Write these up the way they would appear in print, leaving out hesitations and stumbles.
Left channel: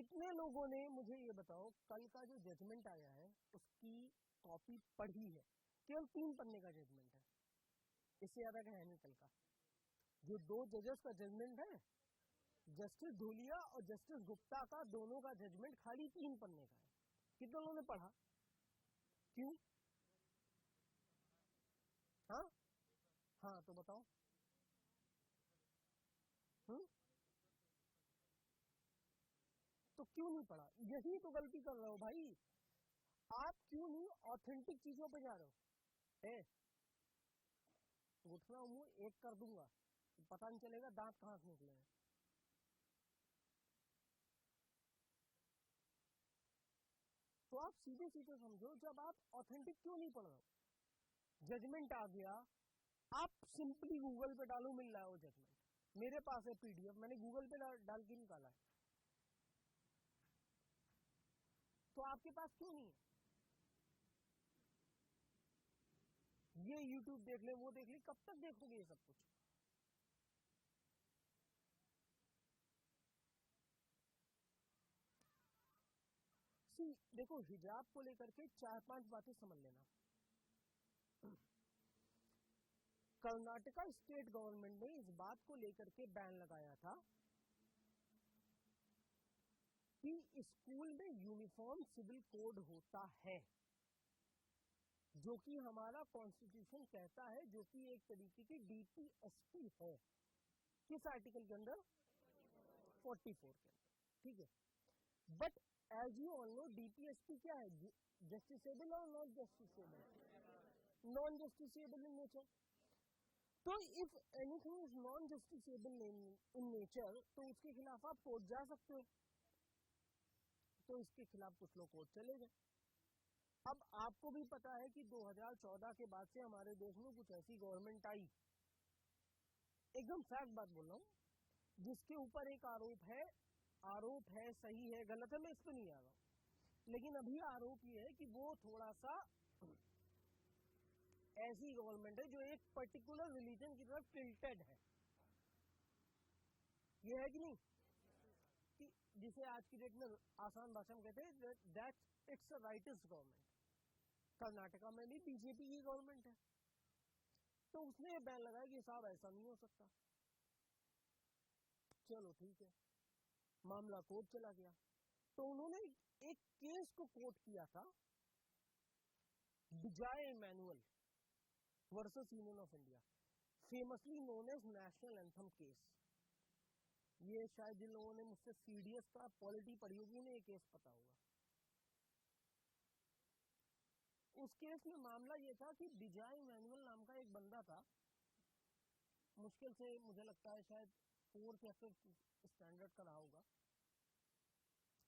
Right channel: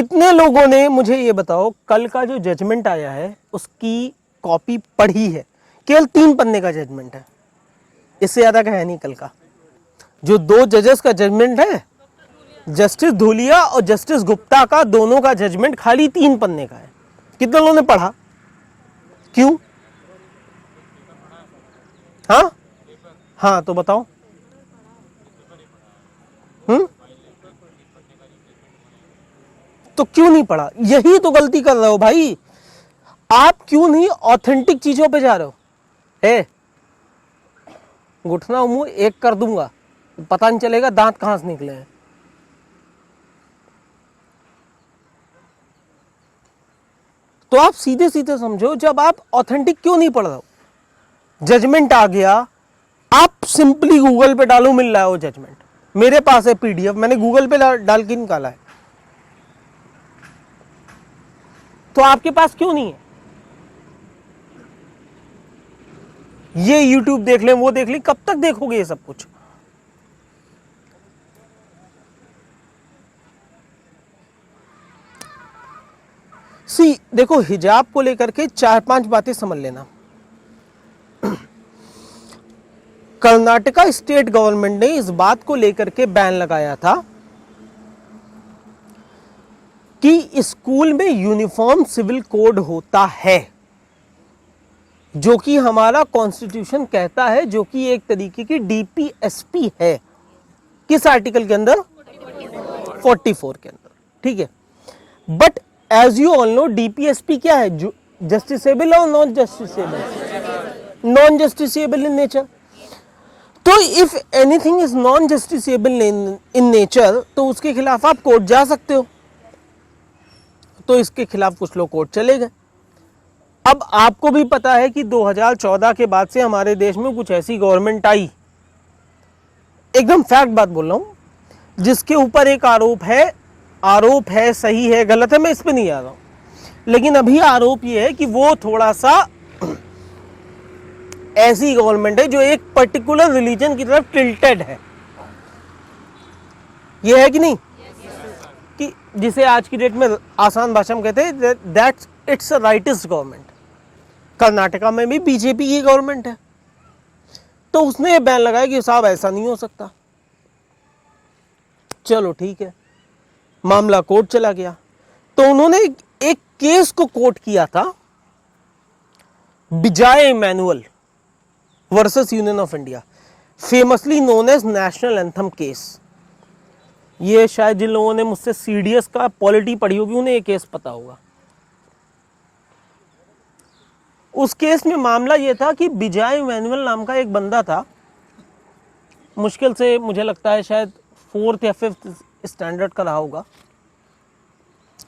कितने लोगों ने, मुझे ये बताओ, कल का जो जजमेंट आया है उसकी कॉपी पढ़ी है? केवल 3 पन्ने का जजमेंट है, इससे ज्यादा का है नहीं। कल का जो 2 जजेस का जजमेंट है, जस्टिस धूलिया और जस्टिस गुप्ता का, दोनों का जजमेंट खाली 3 पन्ने का है। कितने लोगों ने पढ़ा? क्यों? हाँ हाँ, तो बताओ। तो क्यों नहीं पढ़ा? यही तो गलती कर रहे हो भाई। आप क्यों नहीं ऑथेंटिक चीजों पे जा रहे हो? घुटना मुंह एक कर दूंगा, पता नहीं चलेगा दांत कहां से निकले हैं। तो आप सीधे सीधे समझो, जब आप ऑथेंटिक क्यों नहीं पढ़ रहे हो? जजमेंट आ गया, आप सिंपली गूगल पे डालो, मिल रहा है वो जजमेंट। मेरे पास है पीडीएफ, मैंने गूगल पे डाल के निकाला है। तो आपके पास क्यों नहीं है? ये यूट्यूब देख लें, वो देख लें, कब तक देखोगे ये सब कुछ? सी देखो, हिजाब को लेकर के 4-5 बातें समझ लेना। कर्नाटका स्टेट गवर्नमेंट ने इस बात को लेकर के बैन लगाया था कि स्कूल में यूनिफॉर्म सिविल कोड होता है, जो कि हमारा कॉन्स्टिट्यूशन कहता है, जो कि एक तरीके की डीपीएसपी है। किस आर्टिकल के अंदर? 44 के अंदर, ठीक है। But as you all know, DPSP क्या है? जस्टिसेबल और non justiciable? Non justiciable in nature. तो if anything is non justiciable in nature, तो उसके खिलाफ आप कोर्ट जा सकते हो। तो इसके खिलाफ कुछ लोग कोर्ट चले गए। अब आपको भी पता है कि 2014 के बाद से हमारे देश में कुछ ऐसी गवर्नमेंट आई, एकदम फैक्ट बात बोल रहा हूं, जिसके ऊपर एक आरोप है, सही है गलत है मैं इस पे नहीं आ रहा हूं, लेकिन अभी आरोप ये है कि वो थोड़ा सा ऐसी गवर्नमेंट है जो एक पर्टिकुलर रिलीजन की तरफ टिल्टेड है। ये है कि नहीं? कि जिसे आज की डेट में आसान भाषा में कहते हैं that's it's a rightist government. Karnataka में भी बीजेपी की गवर्नमेंट है, तो उसने ये बैन लगाया कि साहब ऐसा नहीं हो सकता। चलो ठीक है, मामला कोर्ट चला गया। तो उन्होंने एक केस को कोर्ट किया था, Bijoy Emmanuel versus Union of India, famously known as national anthem case. ये शायद जिन लोगों ने मुझसे सीडीएस का पॉलिटी पढ़ी होगी उन्हें ये केस पता होगा। उस केस में मामला ये था कि बिजॉय इमैनुअल नाम का एक बंदा था, मुश्किल से मुझे लगता है शायद 4th या 5th स्टैंडर्ड का रहा होगा,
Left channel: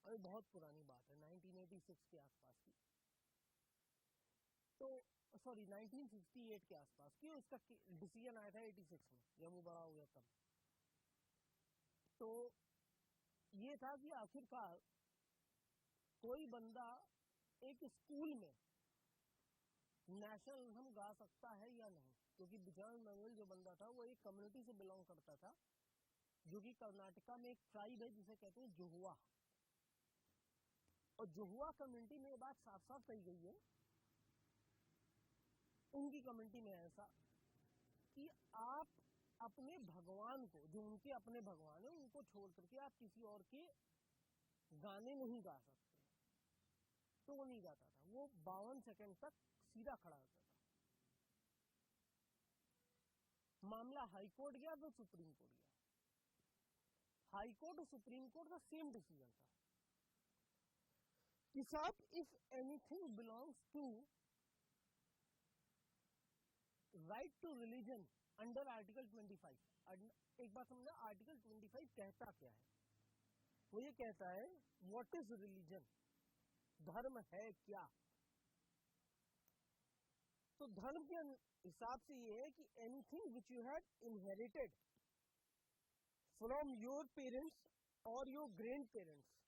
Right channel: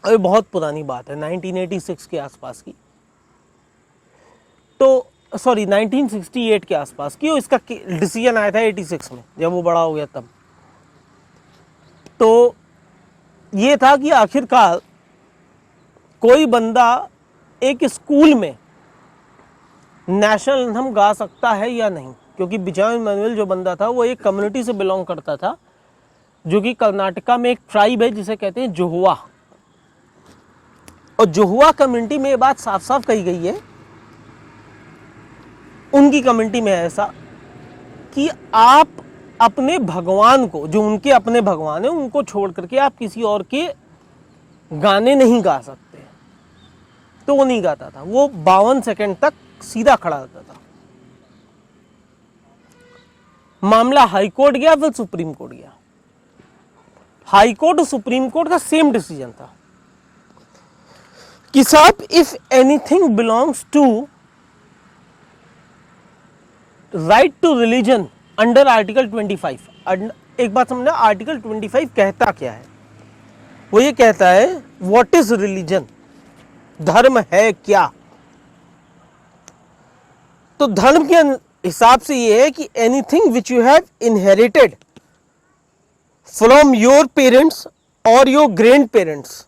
और बहुत पुरानी बात है, 1986 के आसपास की, तो सॉरी 1968 के आसपास की। और इसका डिसीजन आया था 86 में, जब वो बड़ा हो गया तब। तो ये था कि आखिरकार कोई बंदा एक स्कूल में नेशनल एंथम गा सकता है या नहीं, क्योंकि बिजॉय इमैनुअल जो बंदा था वो एक कम्युनिटी से बिलोंग करता था, जो कि कर्नाटका में एक ट्राइब है जिसे कहते हैं जोहुआ। और जोहुआ कम्युनिटी में ये बात साफ साफ कही गई है, उनकी कम्युनिटी में ऐसा कि आप अपने भगवान को, जो उनके अपने भगवान है, उनको छोड़ करके आप किसी और के गाने नहीं गा सकते। तो वो नहीं गाता था, वो 52 सेकंड तक सीधा खड़ा रहता था। मामला हाई कोर्ट गया, फिर सुप्रीम कोर्ट गया। हाई कोर्ट और सुप्रीम कोर्ट का सेम डिसीजन था कि साहब if anything belongs to right to religion under article 25, एक बात समझना, आर्टिकल 25 कहता क्या है? वो ये कहता है व्हाट इज रिलीजन, धर्म है क्या। तो धर्म के हिसाब से ये है कि anything which you have inherited from your parents और योर ग्रैंड पेरेंट्स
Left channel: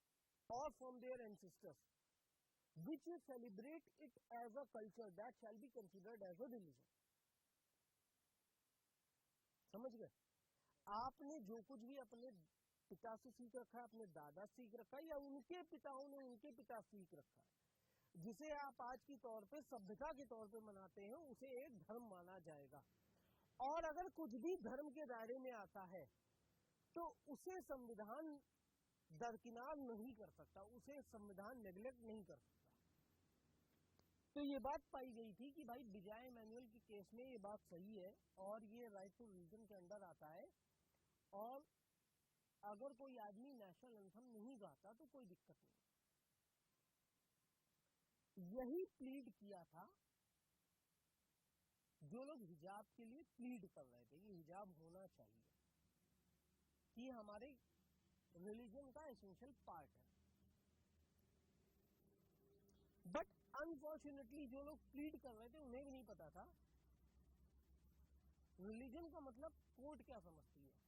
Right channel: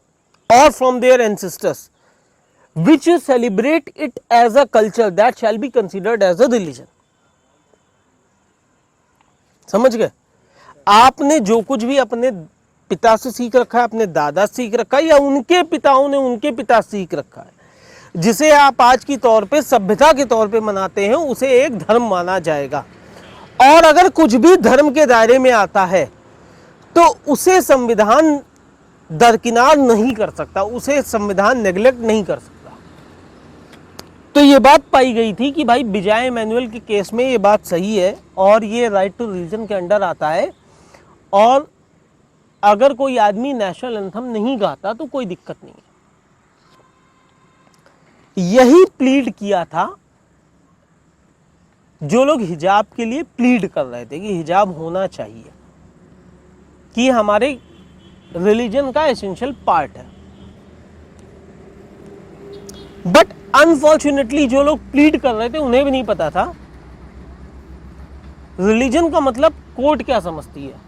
और from their ancestors which you celebrate it as a culture, that shall be considered as a religion. समझ गए? आपने जो कुछ भी अपने पिता से सीख रखा है, अपने दादा से सीख रखा है, या उनके पिताओं ने उनके पिता से सीख रखा है, जिसे आप आज की तौर पे सभ्यता के तौर पे मनाते हैं, उसे एक धर्म माना जाएगा। और अगर कुछ भी धर्म के दायरे में आता है तो उसे संविधान दरकिनार नहीं कर सकता, उसे संविधान नेग्लेक्ट नहीं कर सकता। तो ये बात पाई गई थी कि भाई विजय इमैनुअल के केस में ये बात सही है और ये राइट टू रिलीजन के अंडर आता है, और अगर कोई आदमी नेशनल एंथम नहीं गाता तो कोई दिक्कत नहीं है। यही प्लीड किया था जो लोग हिजाब के लिए प्लीड कर रहे थे कि हिजाब होना चाहिए, कि हमारे रिलीजन का एसेंशियल पार्ट है। बट अनफॉर्चुनेटली जो लोग प्लीड कर रहे थे उन्हें भी नहीं पता था रिलीजन का मतलब कोर्ट क्या समझती है।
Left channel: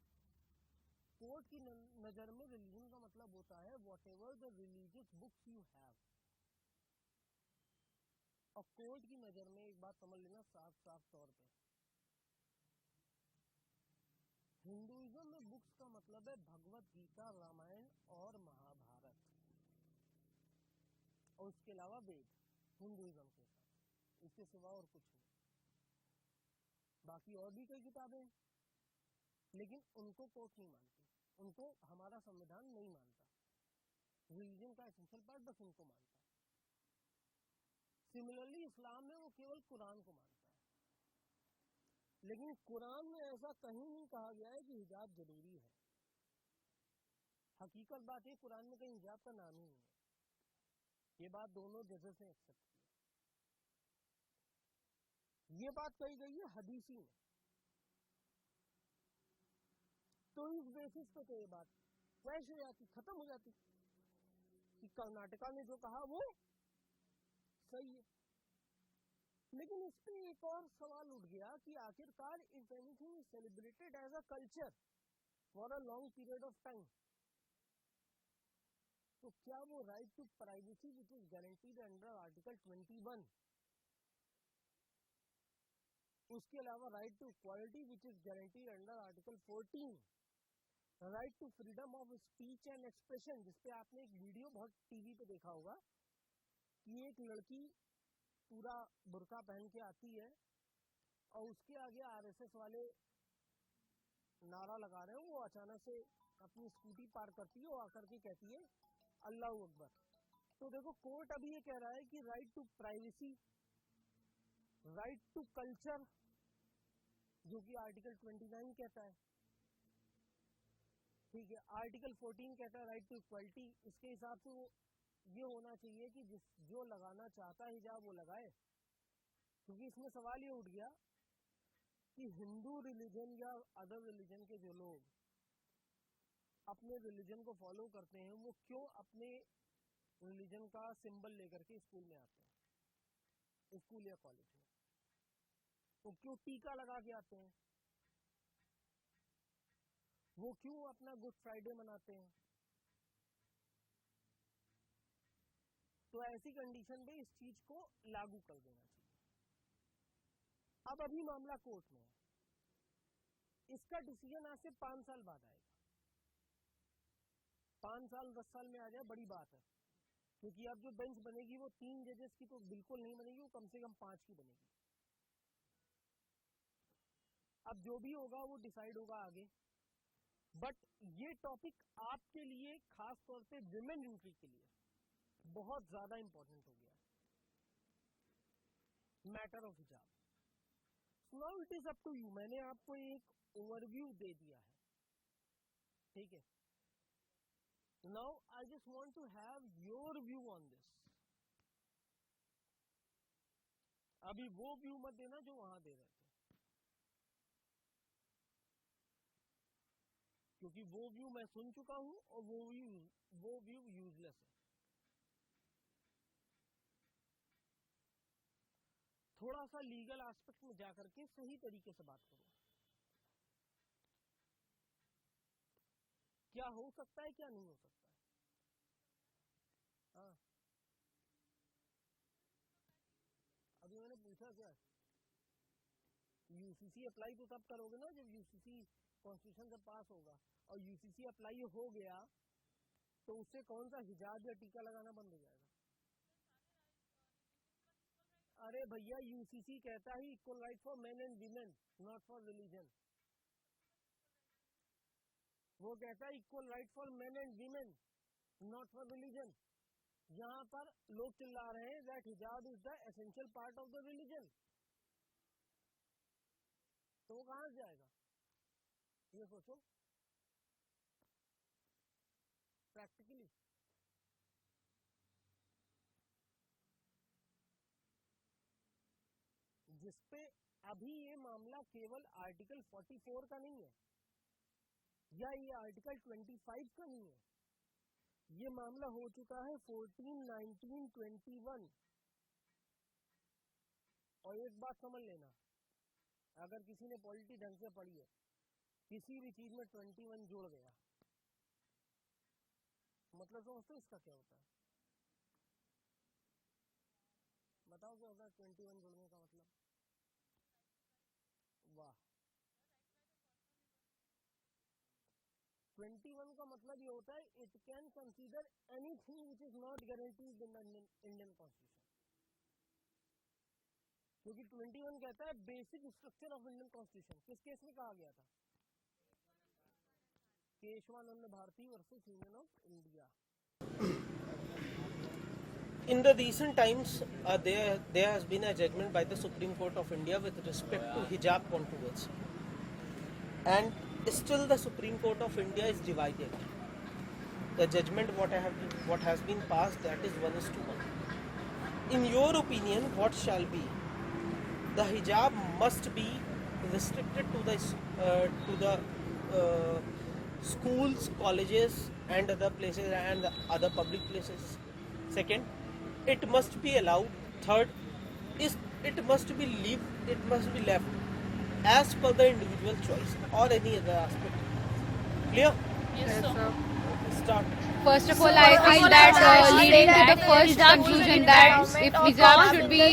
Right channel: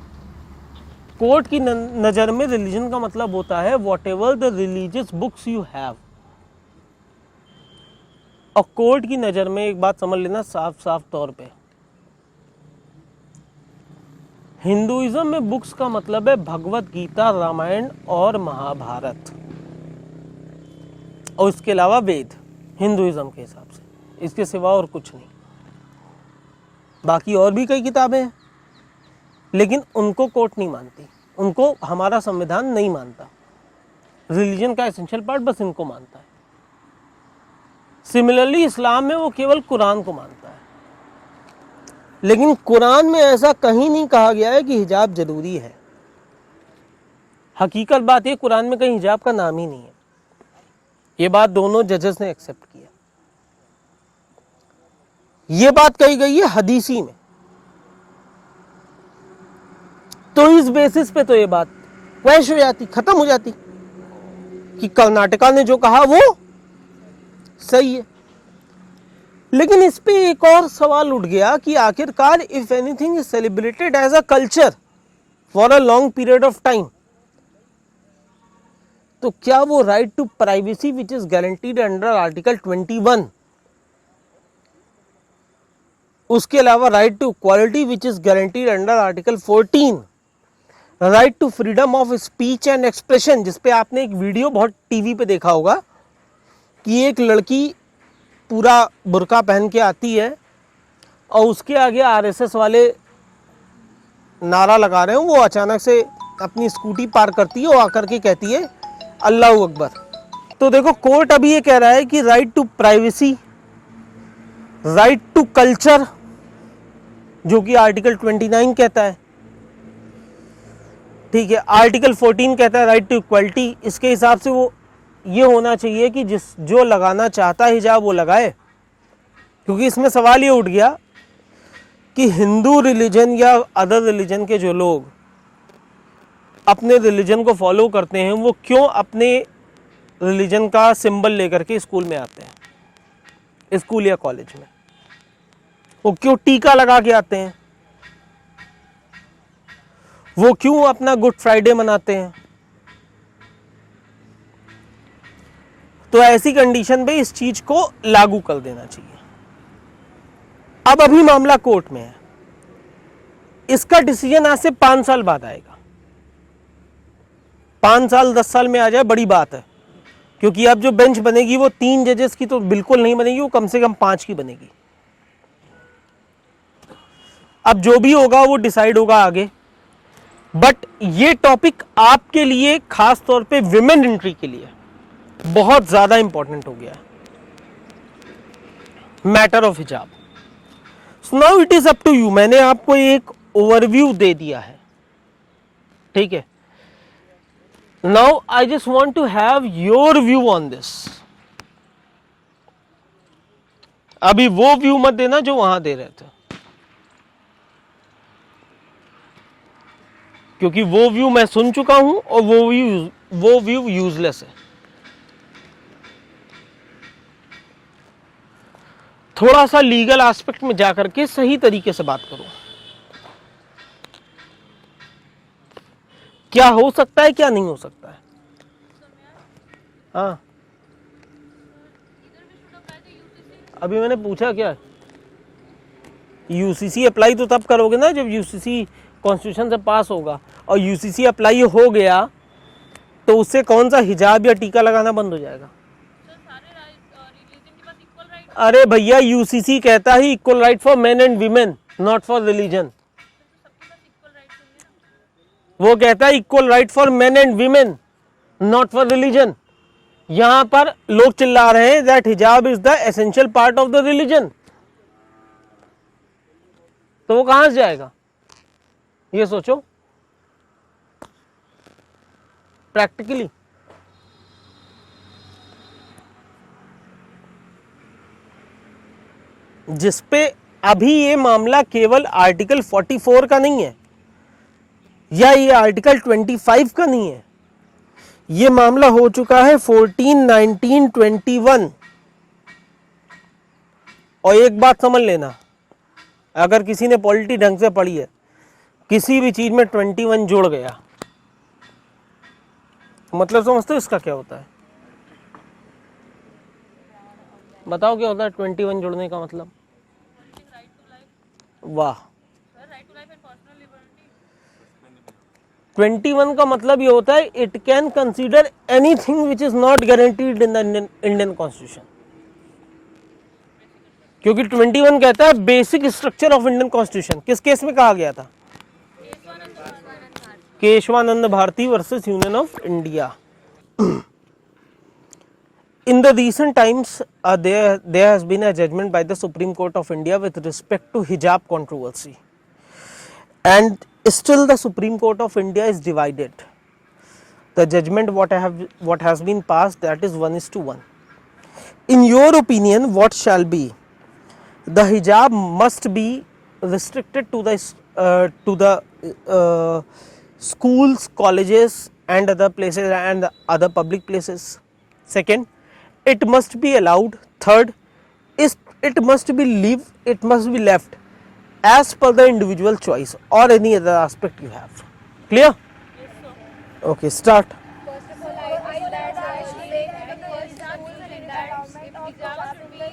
कोर्ट की नजर में रिलीजन का मतलब होता है what ever the religious books you have. और कोर्ट की नजर में एक बात समझ लेना साफ साफ तौर पे, हिंदुइज्म में बुक्स का मतलब है भगवत गीता, रामायण और महाभारत, और इसके अलावा वेद, हिंदुइज्म के हिसाब से, इसके सिवा और कुछ नहीं। बाकी और भी कई किताबें हैं, लेकिन उनको कोर्ट नहीं मानती, उनको हमारा संविधान नहीं मानता। रिलीजन का एसेंशियल पार्ट बस इनको मानता है। सिमिलरली इस्लाम में वो केवल कुरान को मानता है, लेकिन कुरान में ऐसा कहीं नहीं कहा गया है कि हिजाब जरूरी है। हकीकत बात ये, कुरान में कहीं हिजाब का नाम ही नहीं है। ये बात दोनों जजेस ने एक्सेप्ट किया। ये बात कही गई है हदीसी में। तो इस बेसिस पे तो ये बात क्वैश हो जाती, खत्म हो जाती कि कर्नाटका ने जो कहा वो सही है। लेकिन इस पे एक और सवाल उठ गया कि आखिरकार if anything is celebrated as a culture for a long period of time, तो क्या वो right to privacy which is guaranteed under article 21, उसके अलावा right to equality which is guaranteed under article 14, right to freedom of speech and expression, जिसपे आपने एक video बहुत TV पे देखा होगा कि एक लड़की पूरा बुर्का पहन के आती है और उसके आगे आरएसएस वाले नारा लगा रहे हो, वो अचानक से अपनी स्कूटी पार करती है और आकर के कहती है अल्लाह अकबर। तो देखो कोर्ट अभी ये कह रहा है कि right to privacy, right to culture, जो कि आर्टिकल 29 कहता है, ठीक है, आर्टिकल 14 कहता है राइट टू इक्वालिटी। इसके हिसाब से वो ये होना चाहिए कि जो लगाना चाहता है हिजाब वो लगाए, क्योंकि इसमें सवाल ये उठ गया कि हिंदू रिलीजन या अदर रिलीजन के जो लोग अपने रिलीजन को फॉलो करते हैं वो क्यों अपने रिलीजन का सिंबल लेकर के स्कूल में आते हैं, स्कूल या कॉलेज में, वो क्यों टीका लगा के आते हैं, वो क्यों अपना गुड फ्राइडे मनाते हैं। तो ऐसी कंडीशन पे इस चीज को लागू कर देना चाहिए। अब अभी मामला कोर्ट में है, इसका डिसीजन आज से 5 साल बाद आएगा। 5 साल 10 साल में आ जाए बड़ी बात है, क्योंकि अब जो बेंच बनेगी वो 3 जजेस की तो बिल्कुल नहीं बनेगी, वो कम से कम 5 की बनेगी। अब जो भी होगा वो डिसाइड होगा आगे। बट ये टॉपिक आपके लिए, खास तौर पे विमेन एंट्री के लिए बहुत ज्यादा इंपॉर्टेंट हो गया है, मैटर ऑफ हिजाब। So now it is up to you. मैंने आपको एक ओवरव्यू दे दिया है, ठीक है। Now I just want to have your view on this. अभी वो व्यू मत देना जो वहां दे रहे थे, क्योंकि वो व्यू मैं सुन चुका हूं और वो व्यू यूजलेस है। थोड़ा सा लीगल एस्पेक्ट में जाकर के सही तरीके से बात करो, क्या हो सकता है क्या नहीं हो सकता है। हाँ, अभी मैंने पूछा क्या, यूसीसी अप्लाई तो तब करोगे ना जब यूसीसी कॉन्स्टिट्यूशन से पास होगा और यूसीसी अप्लाई हो गया तो उससे कौन सा हिजाब या टीका लगाना बंद हो जाएगा? अरे भैया यूसीसी कहता है equal right for main and women, not for religion. वो कहता है equal right for main and women, not for religion. यहां पर लोग चिल्ला रहे हैं दैट हिजाब is the essential part of the religion, तो वो कहां से जाएगा ये सोचो प्रैक्टिकली। जिसपे अभी ये मामला केवल आर्टिकल 44 का नहीं है या ये आर्टिकल 25 का नहीं है, ये मामला हो चुका है 14, 19, 21। और एक बात समझ लेना, अगर किसी ने पॉलिटी ढंग से पढ़ी है, किसी भी चीज में 21 जुड़ गया, मतलब समझते हो इसका क्या होता है? बताओ क्या होता है 21 जुड़ने का मतलब? वाह, 21 का मतलब ये होता है it can consider anything which is not guaranteed in the Indian constitution, क्योंकि 21 कहता है basic structure of Indian constitution. किस केस में कहा गया था? Kesavananda Bharati versus Union of India. In the recent times, there has been a judgment by the Supreme Court of India with respect to hijab controversy, and still the Supreme Court of India is divided. The judgment what has been passed, that is 1:1. In your opinion, what shall be? The hijab must be restricted to the schools, colleges, and other places and other public places. Second, it must be allowed. Third, it must be left as per the individual choice or any other aspect you have. Clear? Yes, sir. Okay, start. First of all, I feel that leading to the first conclusion that if hijab should be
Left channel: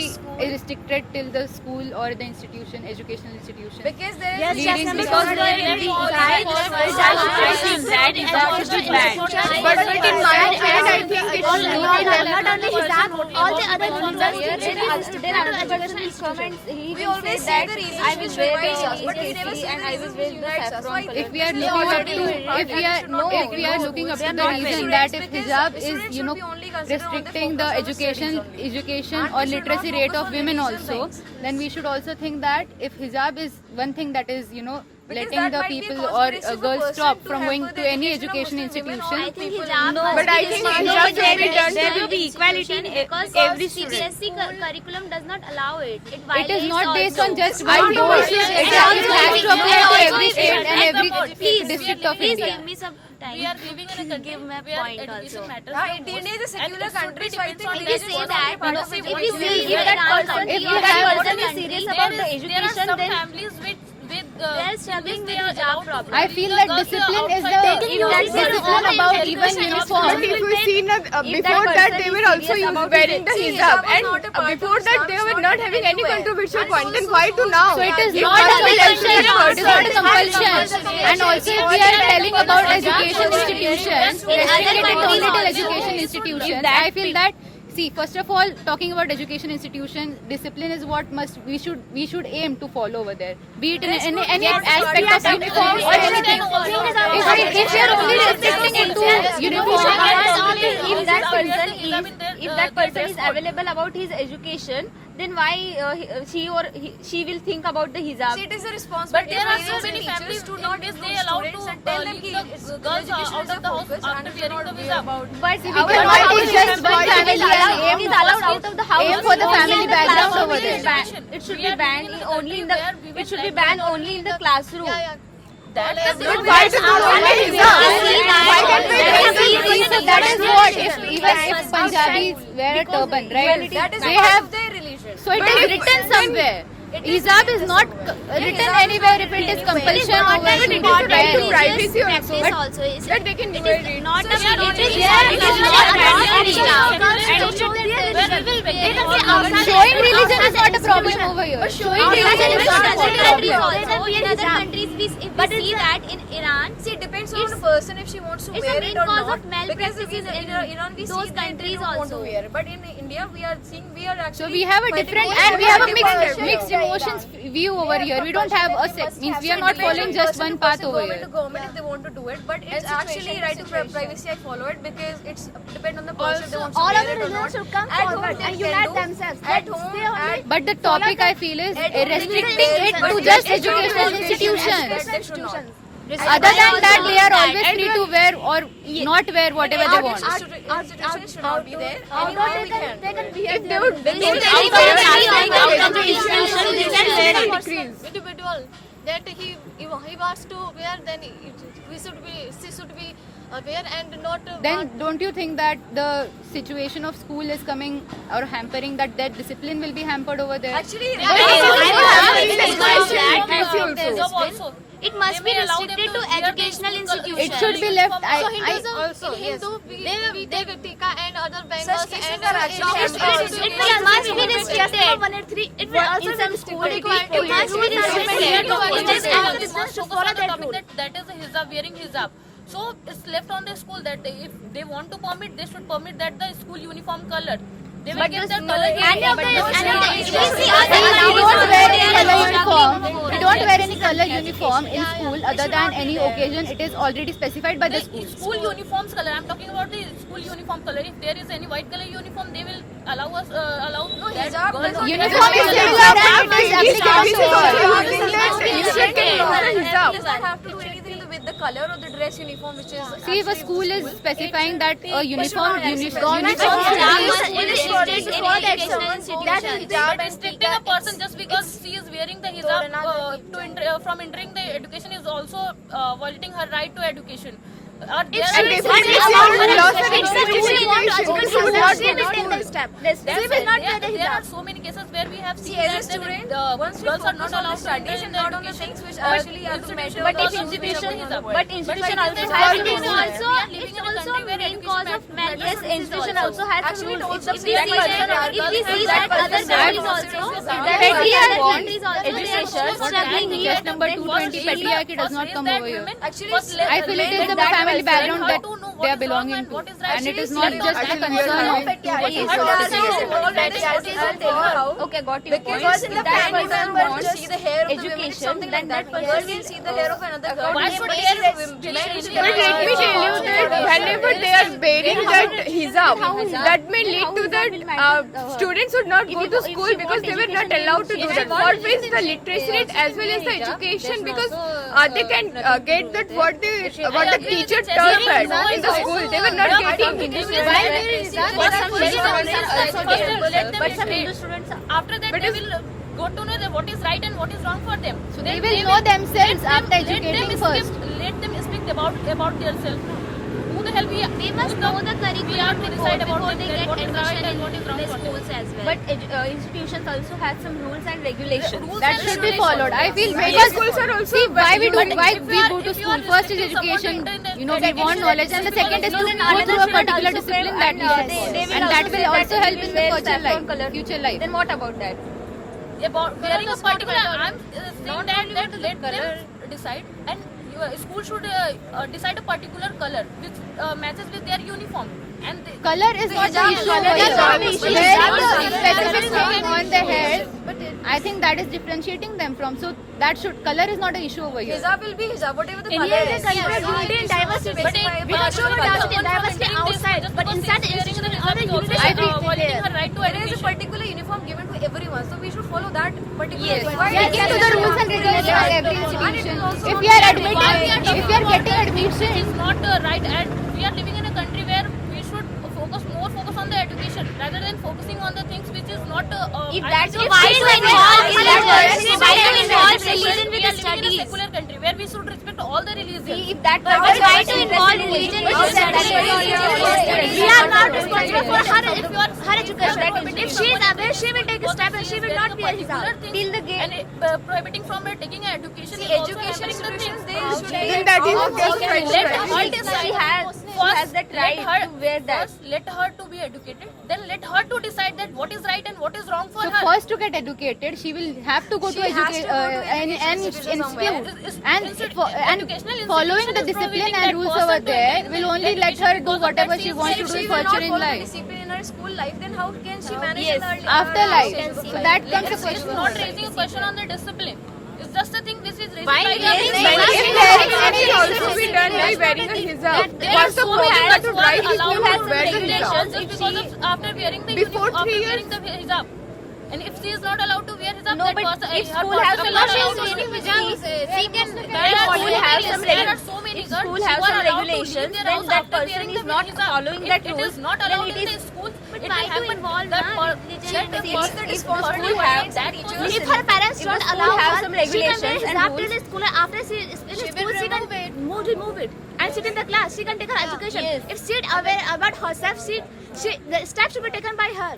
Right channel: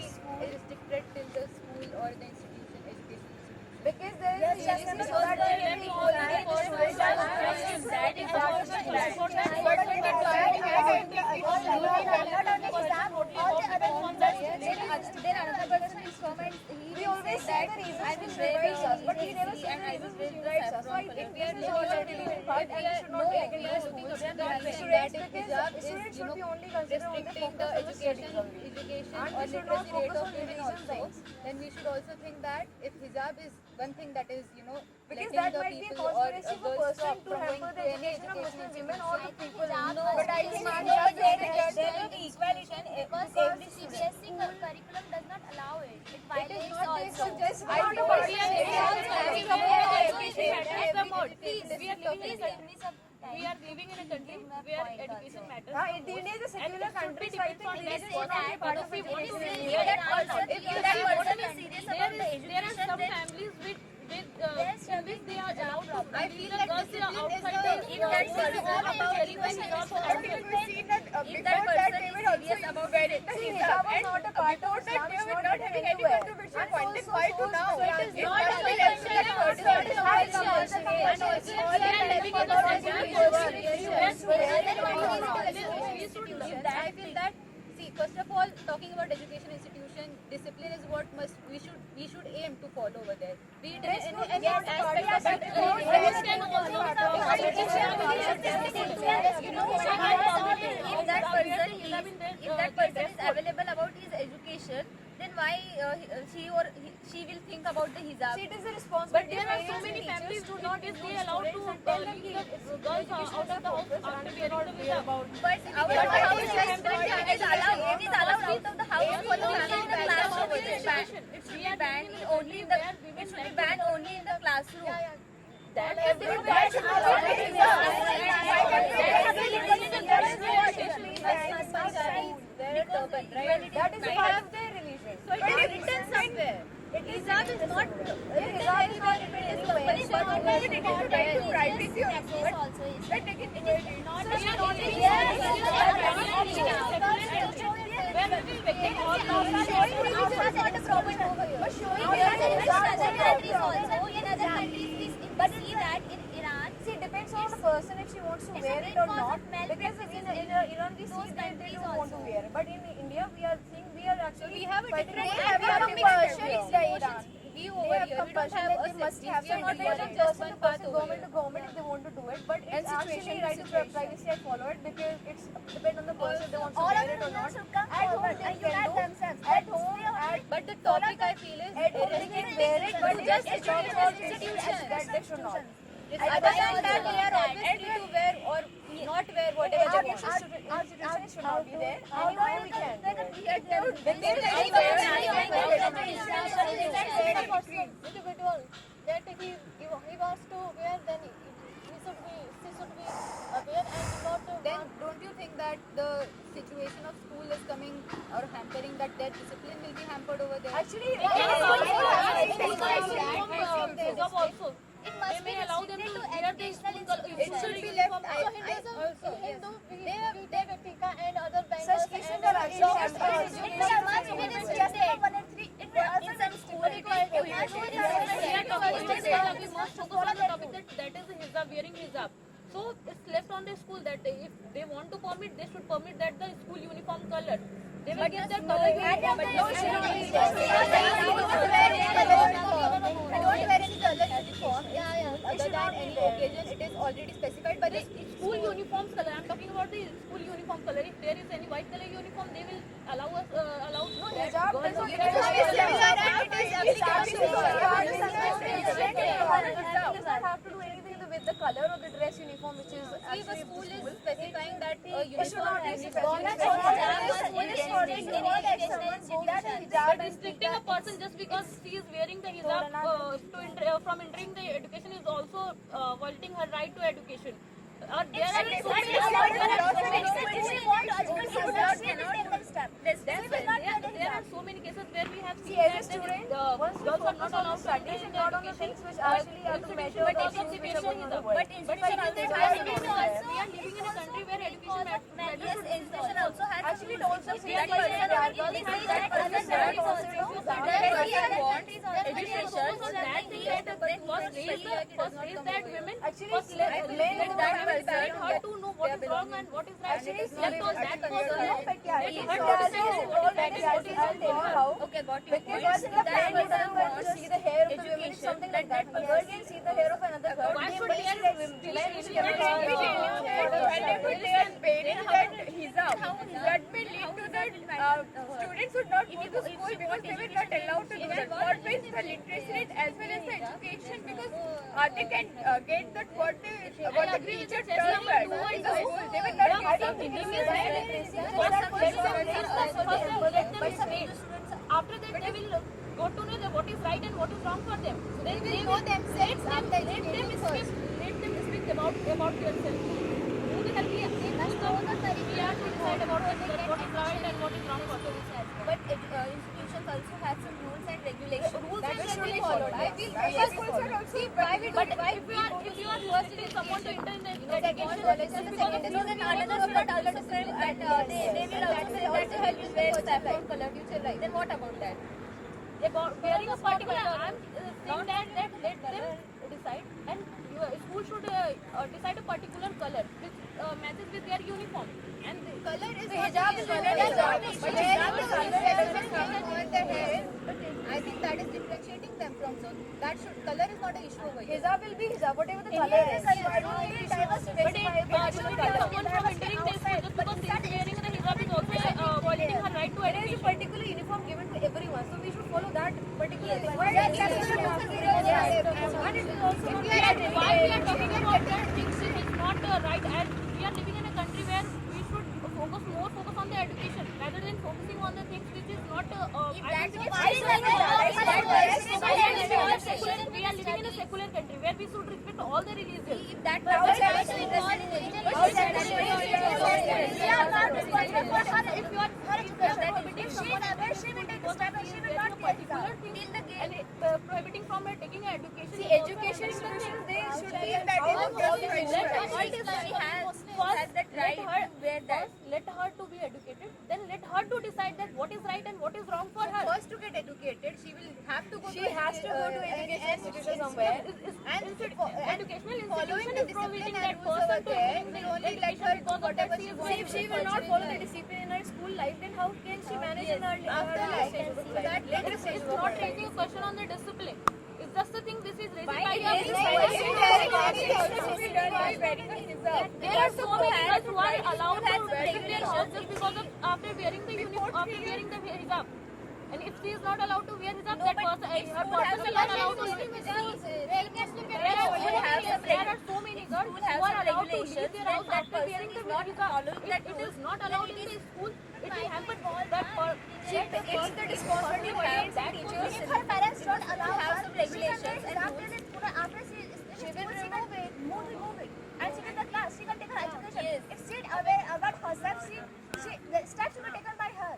restricted till the school or the institution, educational institution. Because there Yes, is leading because because there there is is but in my opinion, I think it should not only hijab, all the other universities, there are educational instruments. He we will always say say that the reason I will wear but we never say and the I will reason wear which the unites us. saffron Why color. if we are They looking up already to, do it. if we are looking up to the reason that if hijab is, you know, restricting the education or literacy rate of women also, then we should also think that if hijab is one thing that is, you know, letting the people or girls stop from going to any education institution. I think hijab but I think hijab should be done there to will be equality because every CBSE curriculum does not allow it. It is not based on just I one think course. we should- It has to apply to every state and every district of Please India. give me some time. We are living in a country Give my where point education also. matters Yeah, the India most. is a secular And it should country, be so I depends think on If we we should say also that, policy if what we we see will if do. that person, If if you that have- person is serious There about the is- there are education, some then families with they are struggling they with are hijab allowed to problem. I feel that discipline is the discipline about even uniform. But if we see na, before that that person they is were also serious about wearing the it. hijab, Hijab was and not a part of before that they were not having any controversial point. Then why to now? So it is If not a one will compulsion. ensure It is not a compulsion. And also if we are telling about education institutions, restricted it only to education institutions, I feel that, see, first of all, talking about education institution, discipline is what we should aim to follow over there. Be it in any aspect of uniform or anything. If we are only restricting it to uniform, If that person is available about his education, then why she will think about the hijab? it is a But responsibility. there are of so parents many and teachers families to in not which they include allow to students and tell them leave ki the girls education out is of a the house focus after and wearing the should not be hijab. about. But we our cannot house be is just not one family allowed. and It is allowed out of the house. aim for the Only family in the background classroom. over It is there. banned. It should We be are banned living in a only in country the. where women It should be like banned that. only in the classroom. That is But why to do only hijab? Why can't we So that is what, if Punjabis wear a turban, right? That is They part have, of their religion. so it is written somewhere. Hijab is not written anywhere if it is compulsion or Not it a is part of right. religious privacy also. practice But also. that they can do it. Not a So it is it is not a mandatory. Showing religion is not a problem over here. In other countries, we see that in Iran, See, it depends on the person if she wants to it's wear a main it or cause not. of malpractice Because in Iran we those see that they countries don't want to also. wear. But in India we are seeing we are actually. So we have a fighting different over and we have a compulsion. mixed emotions view over here. We don't have a means we are not following just one path over Government here. to government if they want to do it, but it's actually right to privacy. I follow it because it's depend on the person if they want to all wear of the it or not. religions should come At home forward they and can unite do. themselves. At home, at But the topic I feel is restricting it But to it just is educational educational institutions. They should not. Other than that, they are always free to wear or not wear whatever they want. Institutions should not be there. Anyhow we can. If they would individual that he wants to wear, then she should be aware and not. Then don't you think that the situation of school is coming or hampering that discipline will be hampered over there? Actually, it must be restricted to educational institutions. It should be left. So Hinduism, in Hindu, we take Tika and other bangles Such cases and are actually It must be restricted. It will also be restricted. It must be restricted. that is the hijab, wearing hijab. So it's left on the school that if they want to permit, they should permit that the school uniform color. They will give their color We don't wear any color uniform. We don't wear any color uniform in school other than any occasion. It is already specified by the school. School uniforms color. I'm talking about the school uniform color. If there is any white color uniform, they will allow us allow that hijab girls doesn't- Uniform is similar and it is applicable to all. does not have to do anything with the color or the dress uniform, which is. See, if a school is specifying that a uniform But restricting a person just because she is wearing the hijab from entering the education is also violating her right to education. There are so many cases where we have seen As a that student, once we girls are not focus on allowed the to enter studies in and the not on the education. things which actually are the matter But of if the institution, in the world. but institution also But has it is rules. also- We are living in a country where main cause of malpractice. Yes, institution also has Actually, rules. it If we see that other countries also, education struggling here. Just number 220 patriarchy does not come over here. Actually, I feel it is the family background that they are belonging to, and it is not just a concern of Okay, got your point. because in the If that family person member wants just see the hair of the women, education, something then like that that girl person will see the hair of another girl. Why should hair be But let me tell you that whenever they are wearing that hijab, that may lead to that students would not go to school because they were not allowed to do that. What is the literacy rate as well as the education, because they can get that what the teacher taught us in the school. They were not getting it. But some Hindu students, after that, they will go to know what is right and what is wrong for them. So they will know themselves after educating first. Let them speak about themselves. Who the hell we must know the we are curriculum to before decide about they get what is right admission and what is in wrong the for them. schools as well. But institutions also have some rules and regulations. Rules That and should be regulations. followed. I feel Many because schools are also see why we But why if we you are- go to if you school. are First is restricting someone education. to enter in the You know, we want knowledge, and the second is to Then go through a another particular should also discipline say- that we and, have, they will and that also will say also that help we in the wear future saffron color. life. Future life. Then what about that? About wearing a particular, I'm saying that let them decide, and school should decide a particular color which matches with their uniform. And Color is not the issue. Wearing the specific thing on the hair, I think that is differentiating them from. So that should color is not an issue over here. Hijab will be hijab, whatever the Any color other is. country would be in diversity. But We are sure diversity outside, but inside the institution, other unity I should be violating there. her right to There is a education. particular uniform given to everyone, so we should follow that particular. Yes. Why Sticking to the rules and regulations of every institution. If you are admitting, if you are getting admission, It's not right, and we are living in a country where we should focus on the education rather than focusing on the things which is not. If that's I why don't to know. involve We religion, are why to involve religion we with are the living in a studies? secular country where we should respect all the religions. If that was why to involve religion with the studies. We are not responsible for her education. If she is aware, she will take a step and she will wearing not a wear particular hijab thing till the gate. and prohibiting from her taking an education. See, is also education hampering the institutions, thing. they should Then that is Let just her right. decide. She has that Let right her- to wear that. First, let her to be educated. Then let her to decide that what is right and what is wrong for So her. first to get educated, she will have to go She to has to educate go to an education institution somewhere. institute, and Educational following institution the is discipline prohibiting and that rules person over to there engage in will only let education her do because of whatever that she is wants to If do she in will not future in follow the life. discipline in her school life, then how can she manage Yes. in her After life. relationship So life? that comes a It's question. not raising a question on the discipline. It's just the thing this is raising Fine, by yes, the- yes, If wearing it can also be done by wearing a hijab. There are What's the so many problem parents to who are drive his allowed school to to wear the regulations hijab? just because of after wearing the Before after 3 wearing the hijab. And if she is not allowed to wear hijab, No, that but person, if her school has person a is not policy, allowed to if wear school hijab. she can There are so school have many- some there are so many if girls school who have are some allowed to leave regulations, their then house that after person wearing is the not hijab. following If that it rules, is not then allowed it in the is- school, But it why will to happen involve, that na? per- Religion that and person basic is responsibility school have have that If person. her parents If don't the school allow have her, some she can regulations wear and hijab till rules, the school. After she is in the school, she can remove it and sit in the class. She can take her education. Yes. If she is aware about herself, the steps should be taken by her.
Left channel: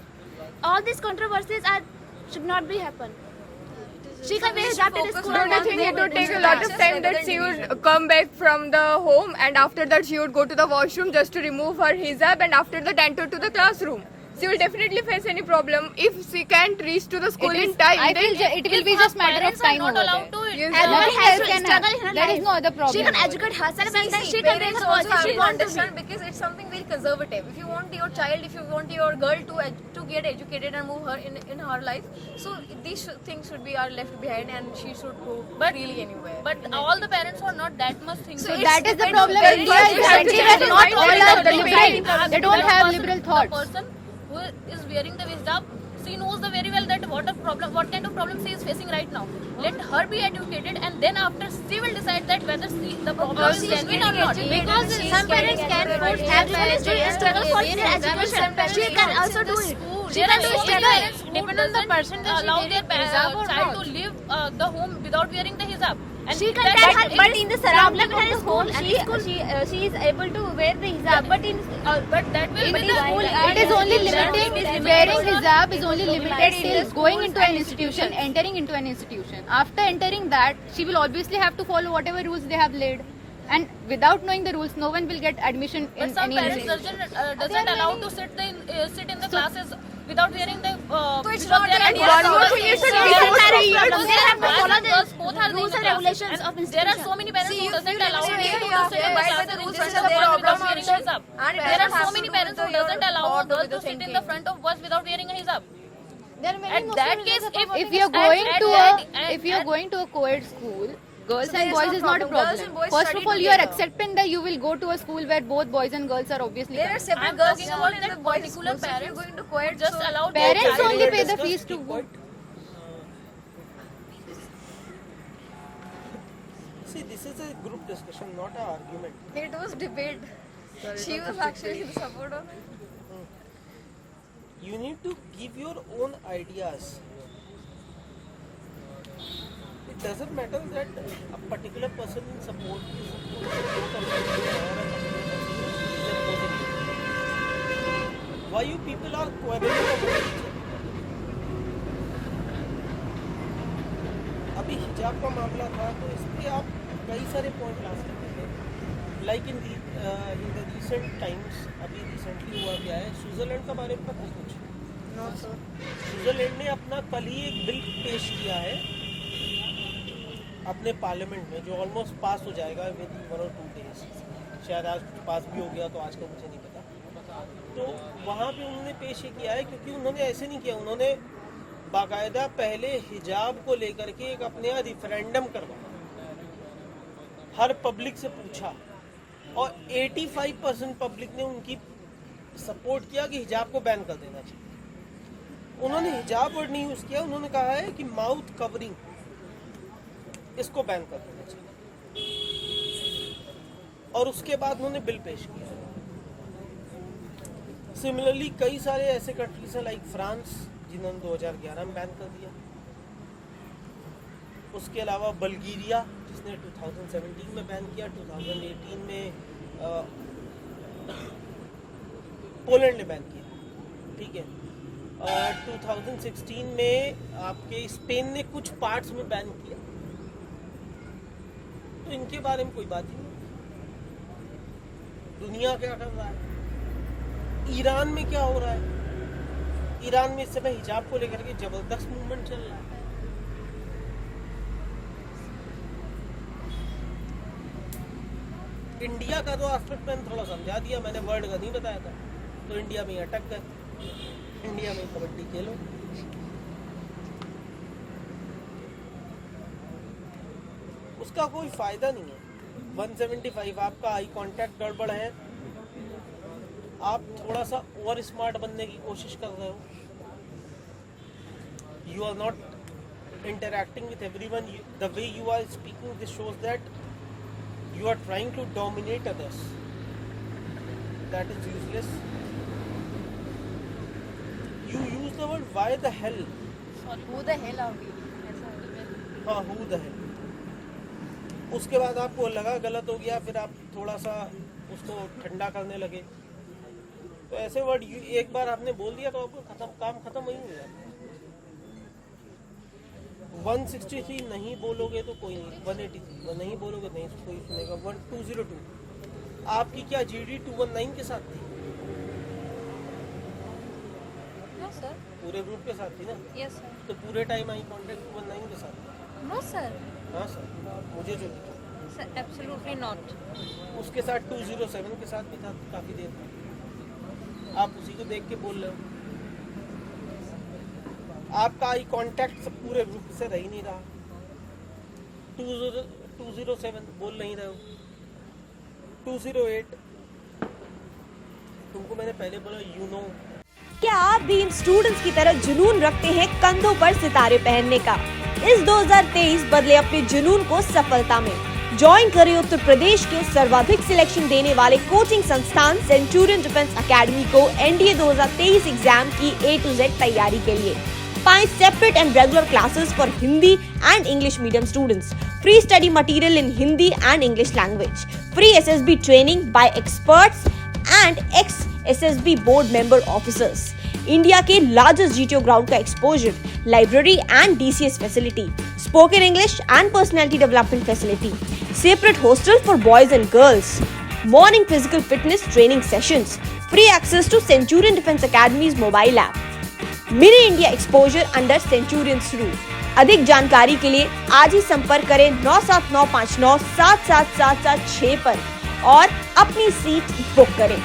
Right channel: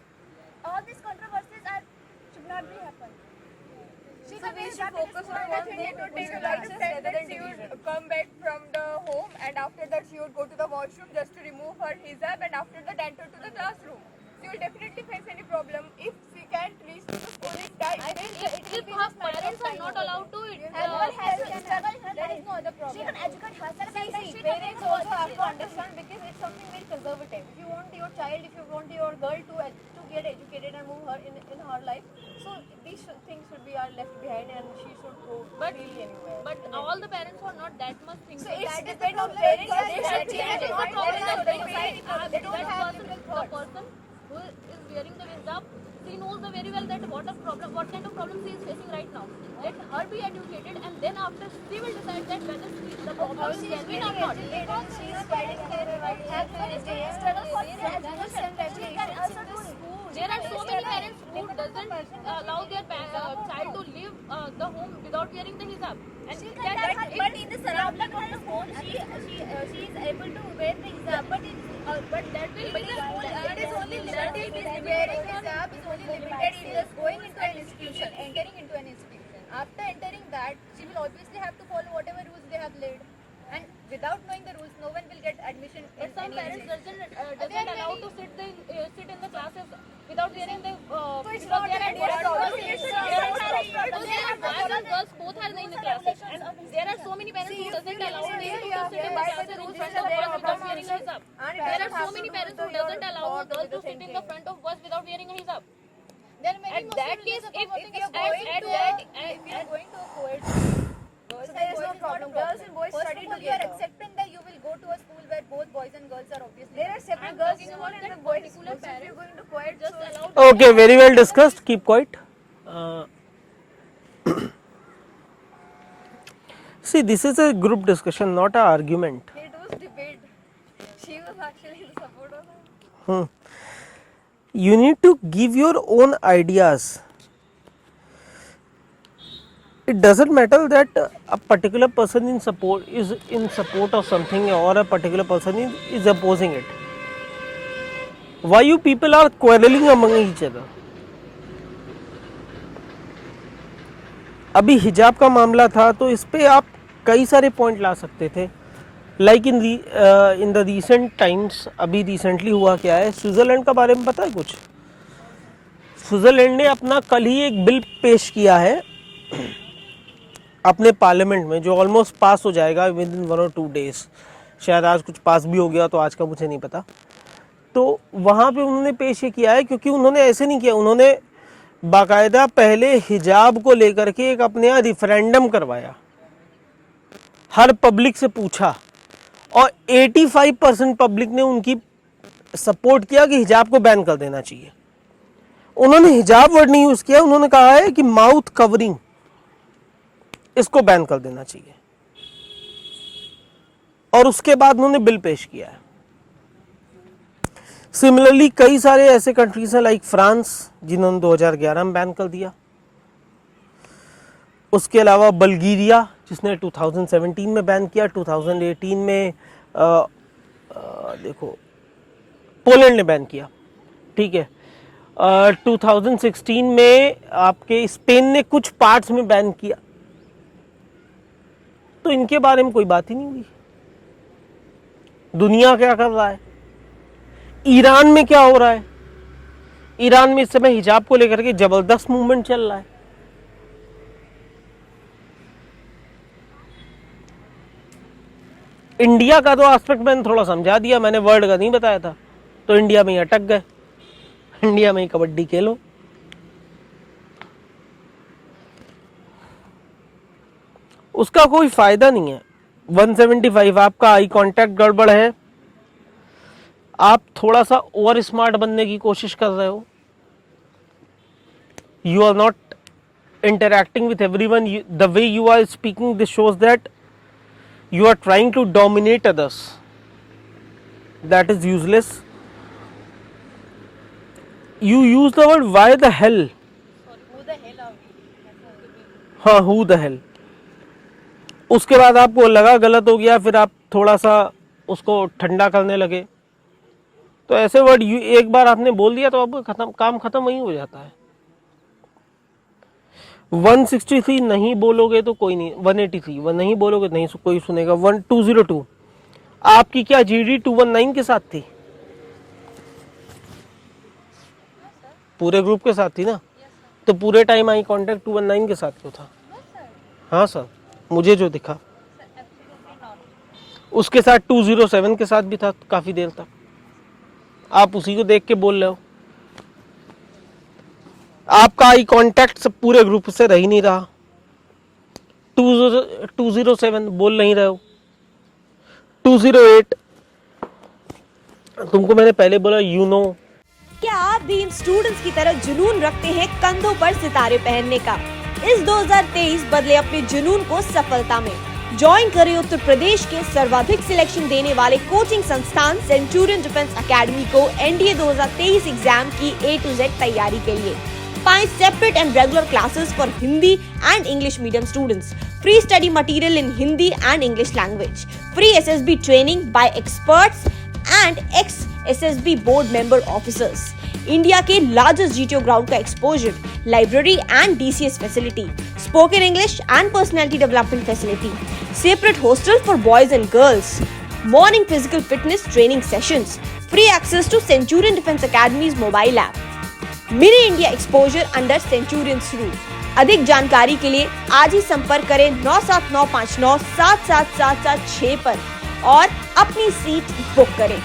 All these controversies should not be happen. She can wear hijab till the school. Don't you think it would take a lot of time that she would come back from the home and after that she would go to the washroom just to remove her hijab and after that enter to the classroom? She will definitely face any problem if she can't reach to the school in time. I then feel it will be just matter of Parents are time not over allowed there. to Yes, Everyone Nothing has else to can struggle happen. in her There life. is no other problem. She can educate herself and then she can make Parents her also voice. have She to want to be. understand because it's something very conservative. If you want your child, if you want your girl to get educated and move her in her life, so these things should be are left behind and she should go freely anywhere. But all the parents are not that much thinking. So it's that is the depend on problem. parents. India You is have to India have is to not find all out are the liberal. They don't have liberal The thoughts. person who is wearing the hijab, she knows the very well that what kind of problem she is facing right now. Let her be educated and then after she will decide that whether the problem is genuine or not. Because some parents can everyone is doing struggle for their education. She can also do it. She There can are do so many struggle. parents who doesn't allow their child to leave the home without wearing the hijab. And She can that- tell that her, but in the surrounding of her school, she is able to wear the hijab. But in but that will But be in the school, It is only limiting, wearing hijab is only limited till going into an institution, entering into an institution. After entering that, she will obviously have to follow whatever rules they have laid. And without knowing the rules, no one will get admission But in some any parents institution. doesn't allow to sit in the classes without wearing the. it's because not there are an girls one more thing is that there before are three years, girls they have to and follow the girls both are rules in the and regulations classes. of And there are institution. so many parents who doesn't allow See, people you to have sit in the abide by classes the rules in and the their boys without obligations. wearing a hijab. And There are parents so have many to parents who do your doesn't allow thought girls with to the sit in the thinking. front of bus without wearing a hijab. There are many At that case, if you're going to a co-ed school, girls and boys is not a Girls problem. and boys First study of all, you are together. accepting that you will go to a school where both boys and girls are obviously There are coming. separate I'm girls talking school about and that the boys particular school. So if you're parents going to who co-ed, just so- allow Okay, very well Parents are discussed. fees to Keep go. quiet. See, this is a group discussion, not an argument. It was debate. She was actually the support of it. You need to give your own ideas. It doesn't matter that a particular person is in support of something or a particular person is opposing it. Why you people are quarreling among each other? अभी हिजाब का मामला था तो इस पे आप कई सारे पॉइंट ला सकते थे. Like in the recent times, अभी रिसेंटली हुआ क्या है, स्विट्जरलैंड का बारे में पता है कुछ? स्विट्जरलैंड ने अपना कल ही एक बिल पेश किया है अपने पार्लियामेंट में, जो ऑलमोस्ट पास हो जाएगा विद इन 1 or 2 days. शायद आज कुछ पास भी हो गया, तो आज का मुझे नहीं पता. तो वहाँ पे उन्होंने पेश ये किया है, क्योंकि उन्होंने ऐसे नहीं किया, उन्होंने बाकायदा पहले हिजाब को लेकर के एक अपने यहाँ रिफरेंडम करवाया, हर पब्लिक से पूछा और 85% पब्लिक ने उनकी सपोर्ट किया कि हिजाब को बैन कर देना चाहिए. उन्होंने हिजाब वर्ड नहीं यूज किया, उन्होंने कहा है कि माउथ कवरिंग, इसको बैन कर देना चाहिए. और उसके बाद उन्होंने बिल पेश किया है. सिमिलरली कई सारे ऐसे कंट्रीज हैं लाइक फ्रांस, जिन्होंने 2011 में बैन कर दिया. उसके अलावा बल्गेरिया, जिसने 2017 में बैन किया, 2018 में देखो पोलैंड ने बैन किया. ठीक है. 2016 में आपके स्पेन ने कुछ पार्ट्स में बैन किया, तो इनके बारे में कोई बात ही नहीं हुई। दुनिया क्या कर रहा है, ईरान में क्या हो रहा है? ईरान में इस समय हिजाब को लेकर के जबरदस्त मूवमेंट चल रहा है। इंडिया का तो एस्पेक्ट मैंने थोड़ा समझा दिया, मैंने वर्ल्ड का नहीं बताया था, तो इंडिया में ही अटक गए, इंडिया में ही कबड्डी खेलो। उसका कोई फायदा नहीं है। 175 आपका आई कांटेक्ट गड़बड़ है, आप थोड़ा सा ओवर स्मार्ट बनने की कोशिश कर रहे हो, you are not interacting with everyone, the way you are speaking this shows that you are trying to dominate others. That is useless. You use the word why the hell. Who the hell are we? हाँ, who the hell. उसके बाद आपको लगा गलत हो गया, फिर आप थोड़ा सा उसको ठंडा करने लगे। तो ऐसे वर्ड एक बार आपने बोल दिया तो आपका काम खत्म वहीं हो जाता है। 163 नहीं बोलोगे तो कोई नहीं, 183 वो नहीं बोलोगे नहीं कोई सुनेगा। 1202 आपकी क्या GD 219 के साथ थी? पूरे ग्रुप के साथ थी ना? तो पूरे टाइम आई कांटेक्ट 219 के साथ तो था। हाँ सर, मुझे जो दिखा उसके साथ 207 के साथ भी था काफी देर तक। आप उसी को देख के बोल रहे हो। आपका आई कांटेक्ट सब पूरे ग्रुप से रह ही नहीं रहा। 207 बोल नहीं रहे हो। 208 तुमको मैंने पहले बोला यू नो। क्या आप भी इन स्टूडेंट्स की तरह जुनून रखते हैं कंधों पर सितारे पहनने का? इस 2023 बदले अपने जुनून को सफलता में। ज्वाइन करें उत्तर प्रदेश के सर्वाधिक सिलेक्शन देने वाले कोचिंग संस्थान सेंचुरियन डिफेंस एकेडमी को NDA 2023 एग्जाम की A to Z तैयारी के लिए। पाएं separate and regular classes for Hindi and English medium students, free study material in Hindi and English language, free SSB training bye experts and x SSB board member officers, India के largest GTO ground का exposure, library and DCS facility, spoken English and personality development facility, separate hostel for boys and girls, morning physical fitness training sessions, free access to Centurion Defence Academies mobile app, mini India exposure under Centurion rule. अधिक जानकारी के लिए आज ही संपर्क करें 97959 77776 पर और अपनी सीट बुक करें।